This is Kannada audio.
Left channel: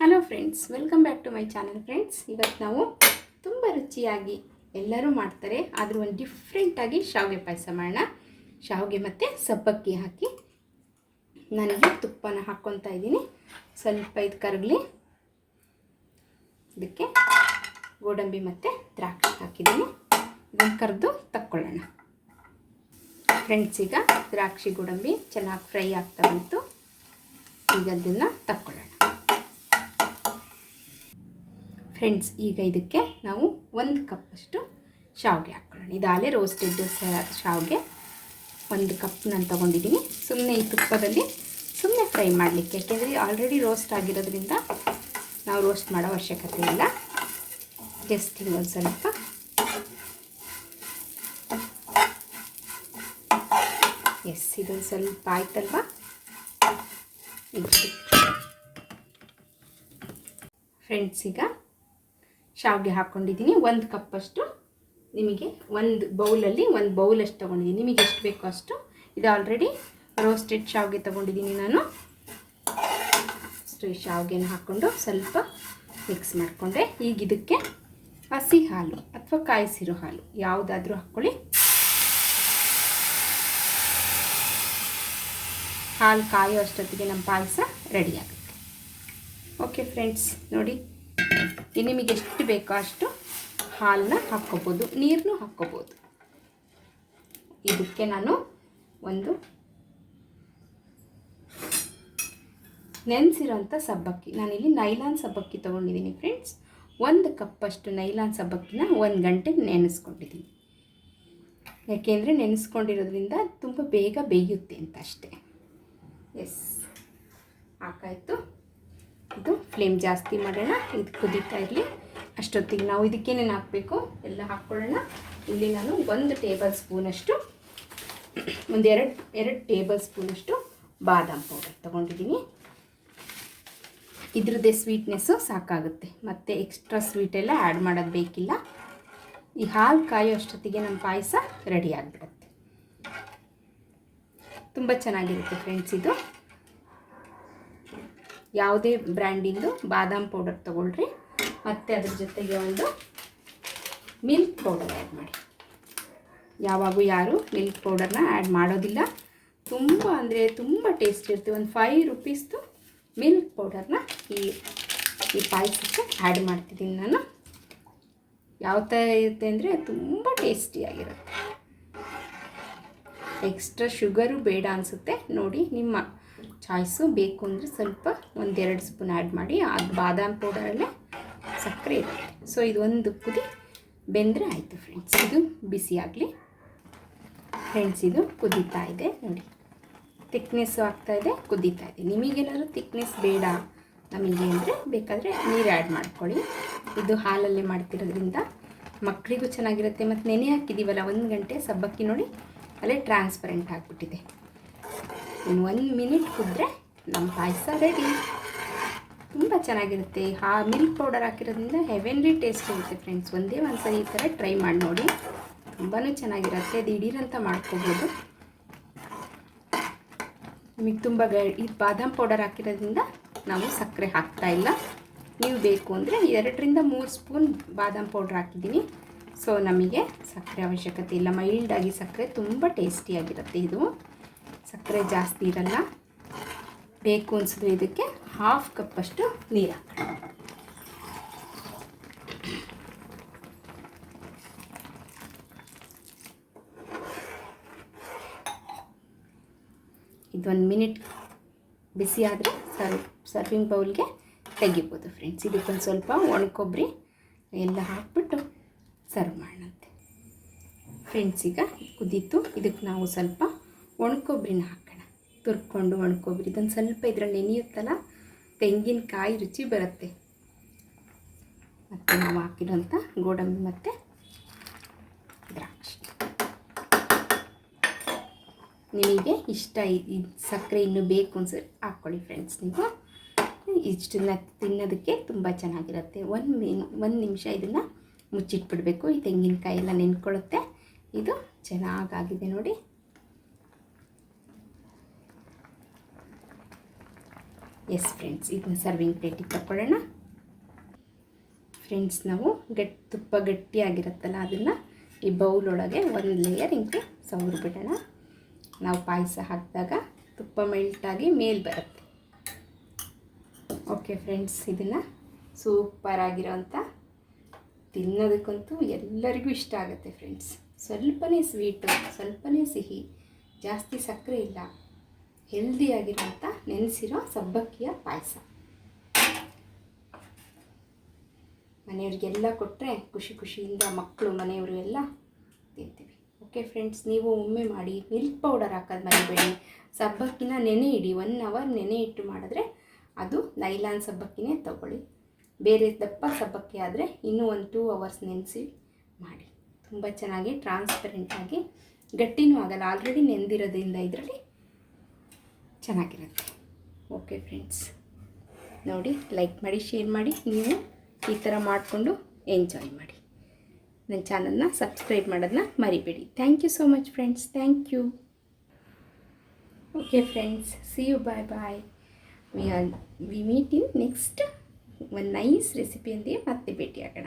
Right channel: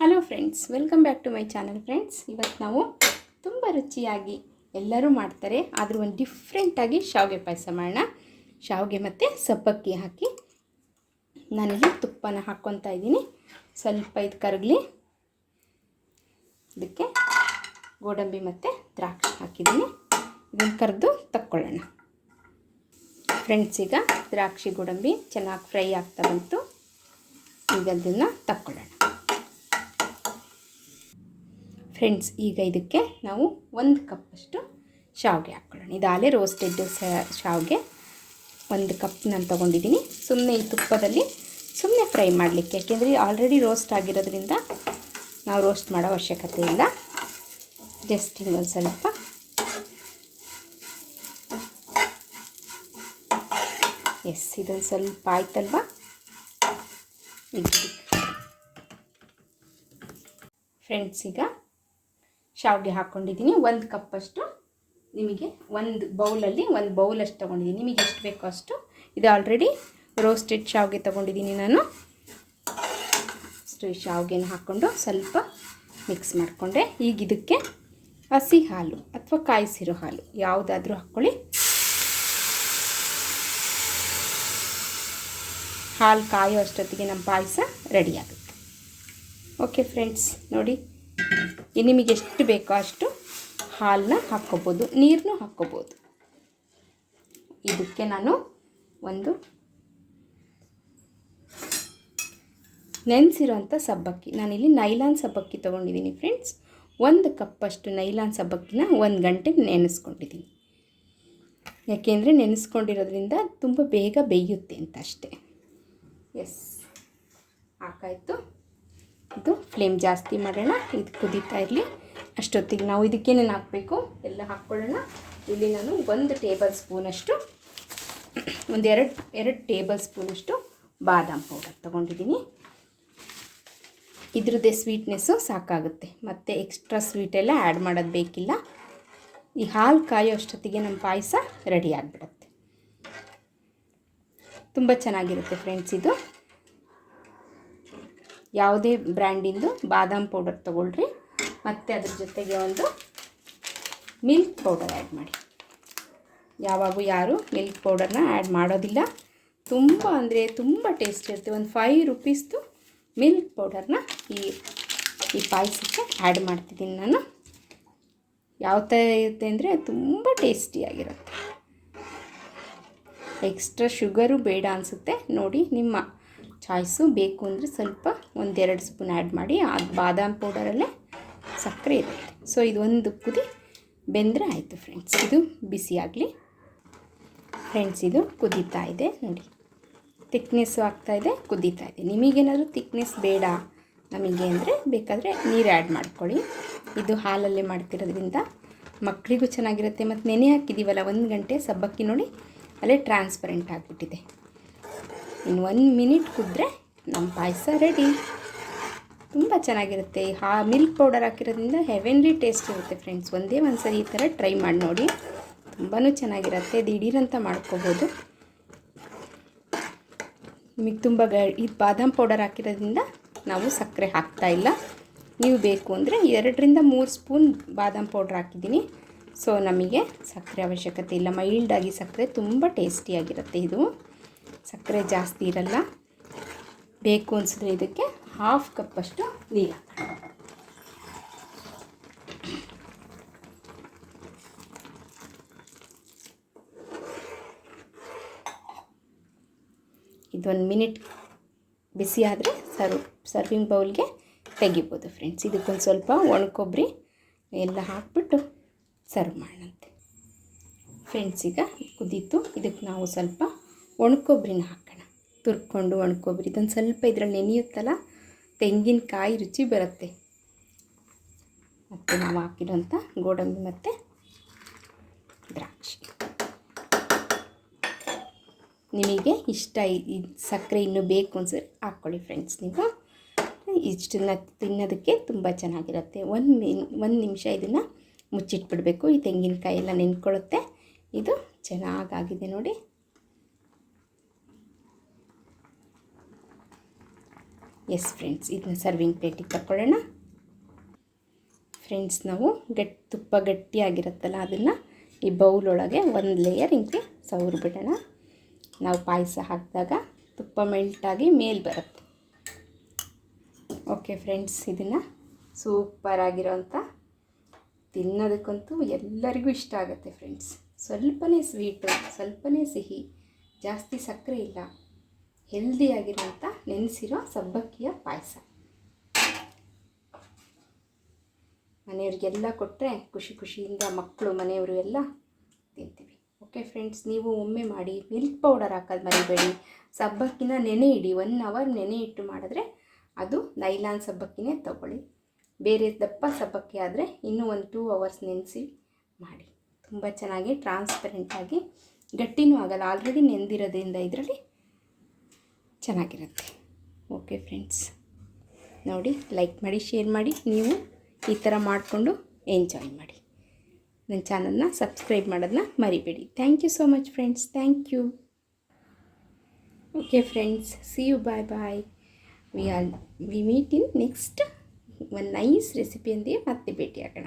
Hello friends welcome back to my channel friends ಇವತ್ತು ನಾವು ತುಂಬ ರುಚಿಯಾಗಿ ಎಲ್ಲರೂ ಮಾಡ್ತಾರೆ, ಆದರೂ ಒಂದು ಡಿಫ್ರೆಂಟಾಗಿ ಶಾವಿಗೆ ಪಾಯಸ ಮಾಡೋಣ. ಶಾವಿಗೆ ಮತ್ತು ಸಬ್ಬಕ್ಕಿ ಹಾಕಿ ನನಗೆ ತುಪ್ಪನ ಹಾಕ್ಕೊತಾ ಇದ್ದೀನಿ. ಸ್ವಲ್ಪ ಇದು ಕರಗಲಿ. ಇದಕ್ಕೆ ಗೋಡಂಬಿ ಮತ್ತು ದ್ರಾಕ್ಷಿ ಹಾಕಿದ್ದೀನಿ. ಇದನ್ನು ಕರೆದು ತಕ್ಕೊಳ್ಳೋಣ. ಫ್ರೆಂಡ್ಸ್ ಈಗ ದ್ರಾಕ್ಷಿ, ಗೋಡಂಬಿ ಚೆನ್ನಾಗಿ ಫ್ರೈ ಆಗ್ತಾ ಬಂತು. ಈಗ ಅದನ್ನು ತಕ್ಕೊಳ್ಳೋಣ. ಫ್ರೆಂಡ್ಸ್, ಈಗ ಇದಕ್ಕೆ ನಾವು ಒಂದು ಕಪ್ಪಷ್ಟು ಶಾವಿಗೆ ಹಾಕ್ಕೊಳ್ಳೋಣ. ಇದಾಗಲೇ ರೋಸ್ಟೆಡ್ ಶಾವಿಗೆ ಒಂದು ಕಪ್ ನಾನು ತೊಗೊಂಡಿದ್ದೀನಿ. ಸುಮ್ಮನೆ ಈ ತುಪ್ಪದಲ್ಲಿ ಸುಮ್ಮನೆ ಫ್ರೈ ಮಾಡಲಿಕ್ಕೆ, ಯಾಕೆಂದರೆ ಆಲ್ರೆಡಿ ರೋಸ್ಟ್ ಆಗಿರೋದ್ರಿಂದ ನಾವು ರೋಸ್ಟ್ ಮಾಡೋ ಅವಶ್ಯಕತೆ ಇಲ್ಲ. ಜಸ್ಟ್ ಇನ್ನೊಂದು ಸ್ವಲ್ಪ. ಎಸ್ ಇದೊಂದು ಸ್ವಲ್ಪ ಆಯ್ತಲ್ವಾ? ಫ್ರೆಂಡ್ಸ್ ಈಗ ಶಾವಿಗೆ ಹಾಕ್ಕೊಂಡಿದ್ದೀನಿ ಒಂದು ಕಪ್ಪಷ್ಟು ನಿಮಗೆ ಒಂದು ಬೌಲಲ್ಲಿ ಒಂದು ಬೌಲಷ್ಟು ತೊಗೊಂಡಿದ್ದೀನಿ. ನಿಮಗೆ ಎಷ್ಟು ಬೇಕೋ ಅಷ್ಟು. ಇದು ಆಲ್ರೆಡಿ ರೋಸ್ಟೆಡ್ ಶಾವಿಗೆ ತೊಗೊಂಡಿದ್ದೀನಿ ನಾನು. ಅಷ್ಟು ಶಾವಿಗೆನ ಹಾಕ್ಕೊಂಡು ಸ್ವಲ್ಪ ಮಿಕ್ಸ್ ಮಾಡಿಕೊಂಡೆ. ಈಗ ಇದಕ್ಕೆ ಹಸಿ ಹಾಲು ಅಥವಾ ಕಾಯಿಸಿರೋ ಹಾಲು ಯಾವುದಾದ್ರೂ ಹಾಕ್ಕೊಳ್ಳಿ. ಹಾಲು ಕಾಯೋ ಅಷ್ಟೊತ್ತಿಗೆ ನಮ್ಮ ಪಾಯಸ ರೆಡಿ ಆಗುತ್ತೆ. ಓಕೆ ಫ್ರೆಂಡ್ಸ್ ನೋಡಿ. ನಿಮಗೆ ಎಷ್ಟು ಬೇಕೋ ಅಷ್ಟು ಹಾಲನ್ನ ಹಾಕ್ಕೋಬೋದು ನೀರನ್ನು ಹಾಕ್ಕೋಬೋದು. ಇದಕ್ಕೆ ನಾನು ಒಂದು ನೆನೆಸಿರೋಂಥ ಸಬ್ಬಕ್ಕಿ. ನಾನಿಲ್ಲಿ ನೈಲಾನ್ ಸಬ್ಬಕ್ಕಿ ತೊಗೊಂಡಿದ್ದೀನಿ ಫ್ರೆಂಡ್ಸ್ ಒಂದು ಕಪ್ಪಷ್ಟು ನೈಲಾನ್ ಸಬ್ಬಕ್ಕಿನ ಒಂದು ಗಂಟೆ ನೆನೆಸ್ಕೊಂಡಿದ್ದೀನಿ. ಯಾಕೆಂದರೆ ನೆನೆಸ್ಕೊಂಡಿರೋದ್ರಿಂದ ತುಂಬ ಬೇಗ ಬೇಯುತ್ತೆ ಅಂತ ಅಷ್ಟೇ. ಎಸ್ ಹಾಕಾಯಿತು ಇದು ಫ್ಲೇಮ್ ಜಾಸ್ತಿ ಮಾಡೋಣ, ಇದು ಕುದೀತಾ ಇರಲಿ. ಅಷ್ಟೊತ್ತಿಗೆ ನಾವು ಇದಕ್ಕೇನೇನು ಹಾಕಬೇಕು, ಎಲ್ಲ ಹಾಕ್ಕೊಳ್ಳೋಣ. ಇಲ್ಲಿ ನಾನು ಒಂದು ಟೇಬಲ್ ಸ್ಪೂನಷ್ಟು ಒಂದು ಎರಡು ಎರಡು ಟೇಬಲ್ ಸ್ಪೂನಷ್ಟು ಬಾದಾಮ್ ಪೌಡರ್ ತೊಗೊಂಡಿದ್ದೀನಿ. ಇದ್ರದ್ದೇ ಸ್ವೀಟ್ನೆಸ್ಸು ಸಾಕಾಗುತ್ತೆ. ಮತ್ತು ಎಕ್ಸ್ಟ್ರಾ ಸ್ವೀಟೆಲ್ಲ ಆ್ಯಡ್ ಮಾಡೋದು ಬೇಕಿಲ್ಲ. ಈ ಹಾಲು ಕಾಯೋ ಅಷ್ಟೊತ್ತಿಗೆ ನಮ್ಮ ಪಾಯಸ ರೆಡಿ ಆಗಿಬಿಡುತ್ತೆ. ತುಂಬ ಚೆನ್ನಾಗಿರುತ್ತೆ ಫ್ರೆಂಡ್ಸ್ ಇದು. ಯಾವುದೇ ಬ್ರ್ಯಾಂಡಿಂದು ಬಾದಾಮ್ ಪೌಡರ್ ತೊಗೊಳ್ರಿ. ಮತ್ತು ಅದ್ರ ಜೊತೆಗೆ ಒಂದು ಮಿಲ್ಕ್ ಪೌಡರ್ ಆ್ಯಡ್ ಮಾಡಿ. ಯಾವಾಗೂ ಯಾರು ಮಿಲ್ಕ್ ಪೌಡರ್ನ ಆ್ಯಡ್ ಮಾಡೋದಿಲ್ಲ. ತುಂಬ ಅಂದರೆ ತುಂಬ ಟೇಸ್ಟ್ ಇರುತ್ತೆ. ಒಂದು ಫೈವ್ ರುಪೀಸ್ದು ಮಿಲ್ಕ್ ಪೌಡರ್ನ ಈ ಈ ಪಾಯಸಕ್ಕೆ ಆ್ಯಡ್ ಮಾಡ್ತಿದ್ದೀನಿ ನಾನು. ಯಾವ ಥರ ಇರುತ್ತೆ ಅಂದರೆ ತುಂಬ ಟೇಸ್ಟಿಯಾಗಿರುತ್ತೆ ಎಕ್ಸ್ಟ್ರಾ ಶುಗರು ಬೇಡ ಅನಿಸುತ್ತೆ. ನೋಡಿ ನಿಮ್ಮ ಚಾಯ್ಸು ಬೇಕು ಅಂದರೆ ಸ್ವಲ್ಪ ಒಂದೆರಡು ಸ್ಪೂನ್ ಆ್ಯಡ್ ಮಾಡಿ ಆ ಬಾದಾಮ್ ಪೌಡರಲ್ಲೇ ಸಕ್ಕರೆ ಇರುತ್ತೆ. ಸೊ ಇದೊಂದು ಕುದಿ ಬೆಂದರೆ ಆಯಿತು ಫ್ರೆಂಡ್ಸ್. ಇದು ಬಿಸಿಯಾಗಲಿ ಫ್ರೆಂಡ್ಸ್, ಇದು ಕುದೀತಾ ಇದೆ. ನೋಡಿ ತಿಕ್ನೆಸ್ಸು ಆಗ್ತಾಯಿದೆ ಕುದೀತಾ ಇದೆ. ನಿಮಗೇನಾದರೂ ತಿಕ್ನೆಸ್ ಬೇಡ ನಮಗೆ ಅಂದರೆ ಬೇಕಾದರೆ ನೀರು ಆ್ಯಡ್ ಮಾಡ್ಕೊಳ್ಳಿ. ಇದು ಹಾಲಲ್ಲಿ ಮಾಡ್ತಿರೋದ್ರಿಂದ ಮಕ್ಕಳಿಗೂ ಚೆನ್ನಾಗಿರುತ್ತೆ. ಮತ್ತು ನೆನೆ ಹಾಕಿದ್ದೀವಲ್ಲ ಒಂದು ಗಂಟೆ ಸಬ್ಬಕ್ಕಿ ನೋಡಿ, ಅಲ್ಲೇ ಟ್ರಾನ್ಸ್ಪರೆಂಟ್ ಆಗಿಬಿಟ್ಟಿದೆ. ಇನ್ನು ಒಂದು ಮಿನಿಟ್ ಕುದ್ರೆ ನಮ್ಮ ಪಾಯಸ ರೆಡಿ ತುಂಬ ಚೆನ್ನಾಗಿರುತ್ತೆ. ಹಾ ಮಿಲ್ಕ್ ಪೌಡರ್ ಹಾಕಿರೋದ್ರಿಂದ ಹೆವೆನ್ಲಿ ಟೇಸ್ಟ್ ಇರುತ್ತೆ ಫ್ರೆಂಡ್ಸ್ ಒಂದೇ ಒಂದು ಸರಿ ಈ ಥರ ಟ್ರೈ ಮಾಡಿ ನೋಡಿ. ತುಂಬಾ ಚೆನ್ನಾಗಿರುತ್ತೆ. ದಿಢೀರಂತ ಮಾಡ್ಕೋಬೋದು. ನಿಮಗೆ ತುಂಬ ಗ ಈ ಬಾದಾಮ್ ಪೌಡರ್ ಹಾಕಿರೋದ್ರಿಂದ ನಾವು ಸಕ್ಕರೆ ಹಾಕ್ತಾ ಇಲ್ಲ. ನೀವು ಬೇಕು ಅಂದರೆ ಎರಡರಿಂದ ಮೂರು ಸ್ಪೂನ್ ಬಾದಾಮ್ ಪೌಡ್ರ್ ಹಾಕಿದ್ದೀನಿ. ಸೊ ನಮಗೆ ಸಕ್ಕರೆ ಅವಶ್ಯಕತೆ ಇಲ್ಲ. ಮೈಲ್ಡಾಗಿ ಸಕ್ಕರೆ ತುಂಬ ಟೇಸ್ಟಿಯಾಗಿರುತ್ತೆ ಇದು. ಸಕ್ಕರೆ ಜಾಸ್ತಿ ಇರಲ್ಲ. ಬೇಕು ಅನಿಸಿದ್ರೆ ಇದಕ್ಕೆ ಹಾಫ್ ಕಪ್ಪಷ್ಟು ನೀರು ಹಾಕೋಣ ಇದೊಂದು ಮಿನಿಟ್ ಬಿಸಿ ಆದರೆ ಸರ್ವ್, ಸರ್ವಿಂಗ್ ಬೌಲ್ಗೆ ತೆಗಿಬೋದು ಫ್ರೆಂಡ್ಸ್ ಇದಕ್ಕೊಂದು ಸ್ವಲ್ಪ ಒಣಕೊಬ್ಬರಿ ಎಲ್ಲ ಹಾಕ್ಬಿಟ್ಟು ಸರ್ವ್ ಮಾಡೋಣಂತೆ. ಫ್ರೆಂಡ್ಸ್ ಈಗ ಕುದೀತು. ಇದಕ್ಕೆ ನಾವು ಸ್ವಲ್ಪ ಒಣಕೊಬ್ಬರಿನ ಹಾಕೋಣ. ತುರ್ಕೊಂಡು ಒಣಕೊಬ್ಬರಿ ಇದೊಂದು ಸ್ವಲ್ಪ ಇದರಲ್ಲಿ ನೆನೆಯುತ್ತಲ್ಲ? ತೆಂಗಿನಕಾಯಿ ರುಚಿ ಬರುತ್ತೆ. ಮತ್ತು ನಾವು ಹಾಕಿರೋಂಥ ಗೋಡಂಬಿ ಮತ್ತು ದ್ರಾಕ್ಷಿ. ನಿಮಗೆ ಇಷ್ಟ ಇದು ಸಕ್ಕರೆ ಇನ್ನೂ ಬೇಕು ಅನ್ಸರಿ ಹಾಕ್ಕೊಳ್ಳಿ ಫ್ರೆಂಡ್ಸ್ ನೀವು. ಇಷ್ಟನ್ನ ತಿನ್ನೋದಕ್ಕೆ ತುಂಬ ಚೆನ್ನಾಗಿರುತ್ತೆ. ಒಂದು ಮಿನ್, ಒಂದು ನಿಮಿಷ ಇದನ್ನು ಮುಚ್ಚಿಟ್ಬಿಡಬೇಕು. ಈ ತೆಂಗಿನಕಾಯಿ ಎಲ್ಲ ನೆನ್ಕೊಳ್ಳುತ್ತೆ ಇದು ಚೆನ್ನಾಗಾಗಿದೆ ನೋಡಿ. ಎಸ್ ಫ್ರೆಂಡ್ಸ್ ಇದನ್ನ ಸರ್ವಿಂಗ್ ಪ್ಲೇಟಿಗೆ ತಗೊಳ್ಳೋಣ ಫ್ರೆಂಡ್ಸ್ ನಾವು ಗಟ್ಟಿ, ತುಪ್ಪ ಗಟ್ಟಿಯಾಗಿರುತ್ತಲ್ಲ, ಅದನ್ನು ಈ ಬೌಲ್ ಒಳಗೆ ಒಂದು ಲೇಯರ್ ಹಿಂಗೆ ಸವರ್ಬಿಡೋಣ ನಾವು ಪಾಯಸ ಹಾಕಿದಾಗ ತುಪ್ಪ ಮೆಲ್ಟಾಗಿ ಮೇಲೆ ಬರುತ್ತೆ. ಓಕೆ ಫ್ರೆಂಡ್ಸ್ ಇದನ್ನು ಸೂಪರ್ ಆಗಿರೋಂಥ ತಿನ್ನೋದಕ್ಕಂತೂ ಎಲ್ಲರಿಗೂ ಇಷ್ಟ ಆಗುತ್ತೆ ಫ್ರೆಂಡ್ಸ್ ಸ್ವಲ್ಪನೇ ಸ್ವೀಟು ಸ್ವಲ್ಪನೇ ಸಿಹಿ, ಜಾಸ್ತಿ ಸಕ್ಕರೆ ಇಲ್ಲ. ಹೆಲ್ದಿಯಾಗಿರೋಂಥ ನೆನೆಸಿರೋ ಸಬ್ಬಕ್ಕಿಯ ಪಾಯಸ. ಮನೆಯವ್ರಿಗೆಲ್ಲ ಕೊಟ್ಟರೆ ಖುಷಿ ಖುಷಿಯಿಂದ ಮಕ್ಕಳು, ಮನೆಯವರು ಎಲ್ಲ ತಿಂತೀವಿ. ಓಕೆ ಫ್ರೆಂಡ್ಸ್ ನೀವು ಒಮ್ಮೆ ಮಾಡಿ ಮಿಲ್ಕ್ ಪೌಡರ್ ಹಾಕೋದು ಮರಿಬೇಡಿ. ಸಬ್ಬಕ್ಕಿನ ನೆನೆ ಇಡಿ ಒನ್ ಅವರ್ ನೆನೆ ಇಟ್ಟು ಮಾಡಿದ್ರೆ ಅದು ನೈಲಾನ್ ಸಬ್ಬಕ್ಕಿನೇ ತಗೊಳ್ಳಿ. ಬೇರೆ ದಪ್ಪ ಸಬ್ಬಕ್ಕಿ ಆದರೆ ಇನ್ನೂ ಒಂದು ಟೂ ಅವರ್ಸ್ ನೆನೆಸಿ ಮಾಡಿ. ತುಂಬ ಚೆನ್ನಾಗಿ ಟ್ರಾನ್ಸ್ಪರೆಂಟಾಗಿ ಗಟ್ಟಿನೂ ಆಗಲ್ಲ ಆಲ್ರೆಡಿ ನೆಂದಿರೋದ್ರಿಂದ ಇದರಲ್ಲಿ ಚೆನ್ನಾಗಿರುತ್ತೆ. ಓಕೆ ಫ್ರೆಂಡ್ಸ್ ನೋಡಿ ಲೈಕ್ ಮಾಡಿ ಶೇರ್ ಮಾಡಿ, ನೀವು ಈ ಥರ ಮಾಡಿಕೊಂಡು ಎಂಜಾಯ್ ಮಾಡಿ. ನನ್ನ ಚಾನಲ್ನ ಸಬ್ಸ್ಕ್ರೈಬ್ ಮಾಡೋದನ್ನ ಮರಿಬೇಡಿ. Thank you so much friends thank you okay friends see you bye bye we are we meet in next ಒಂದು ನೈಸ್ ರೆಸಿಪಿಯೊಂದಿಗೆ ಮತ್ತೆ ಭೇಟಿಯಾಗೋಣ.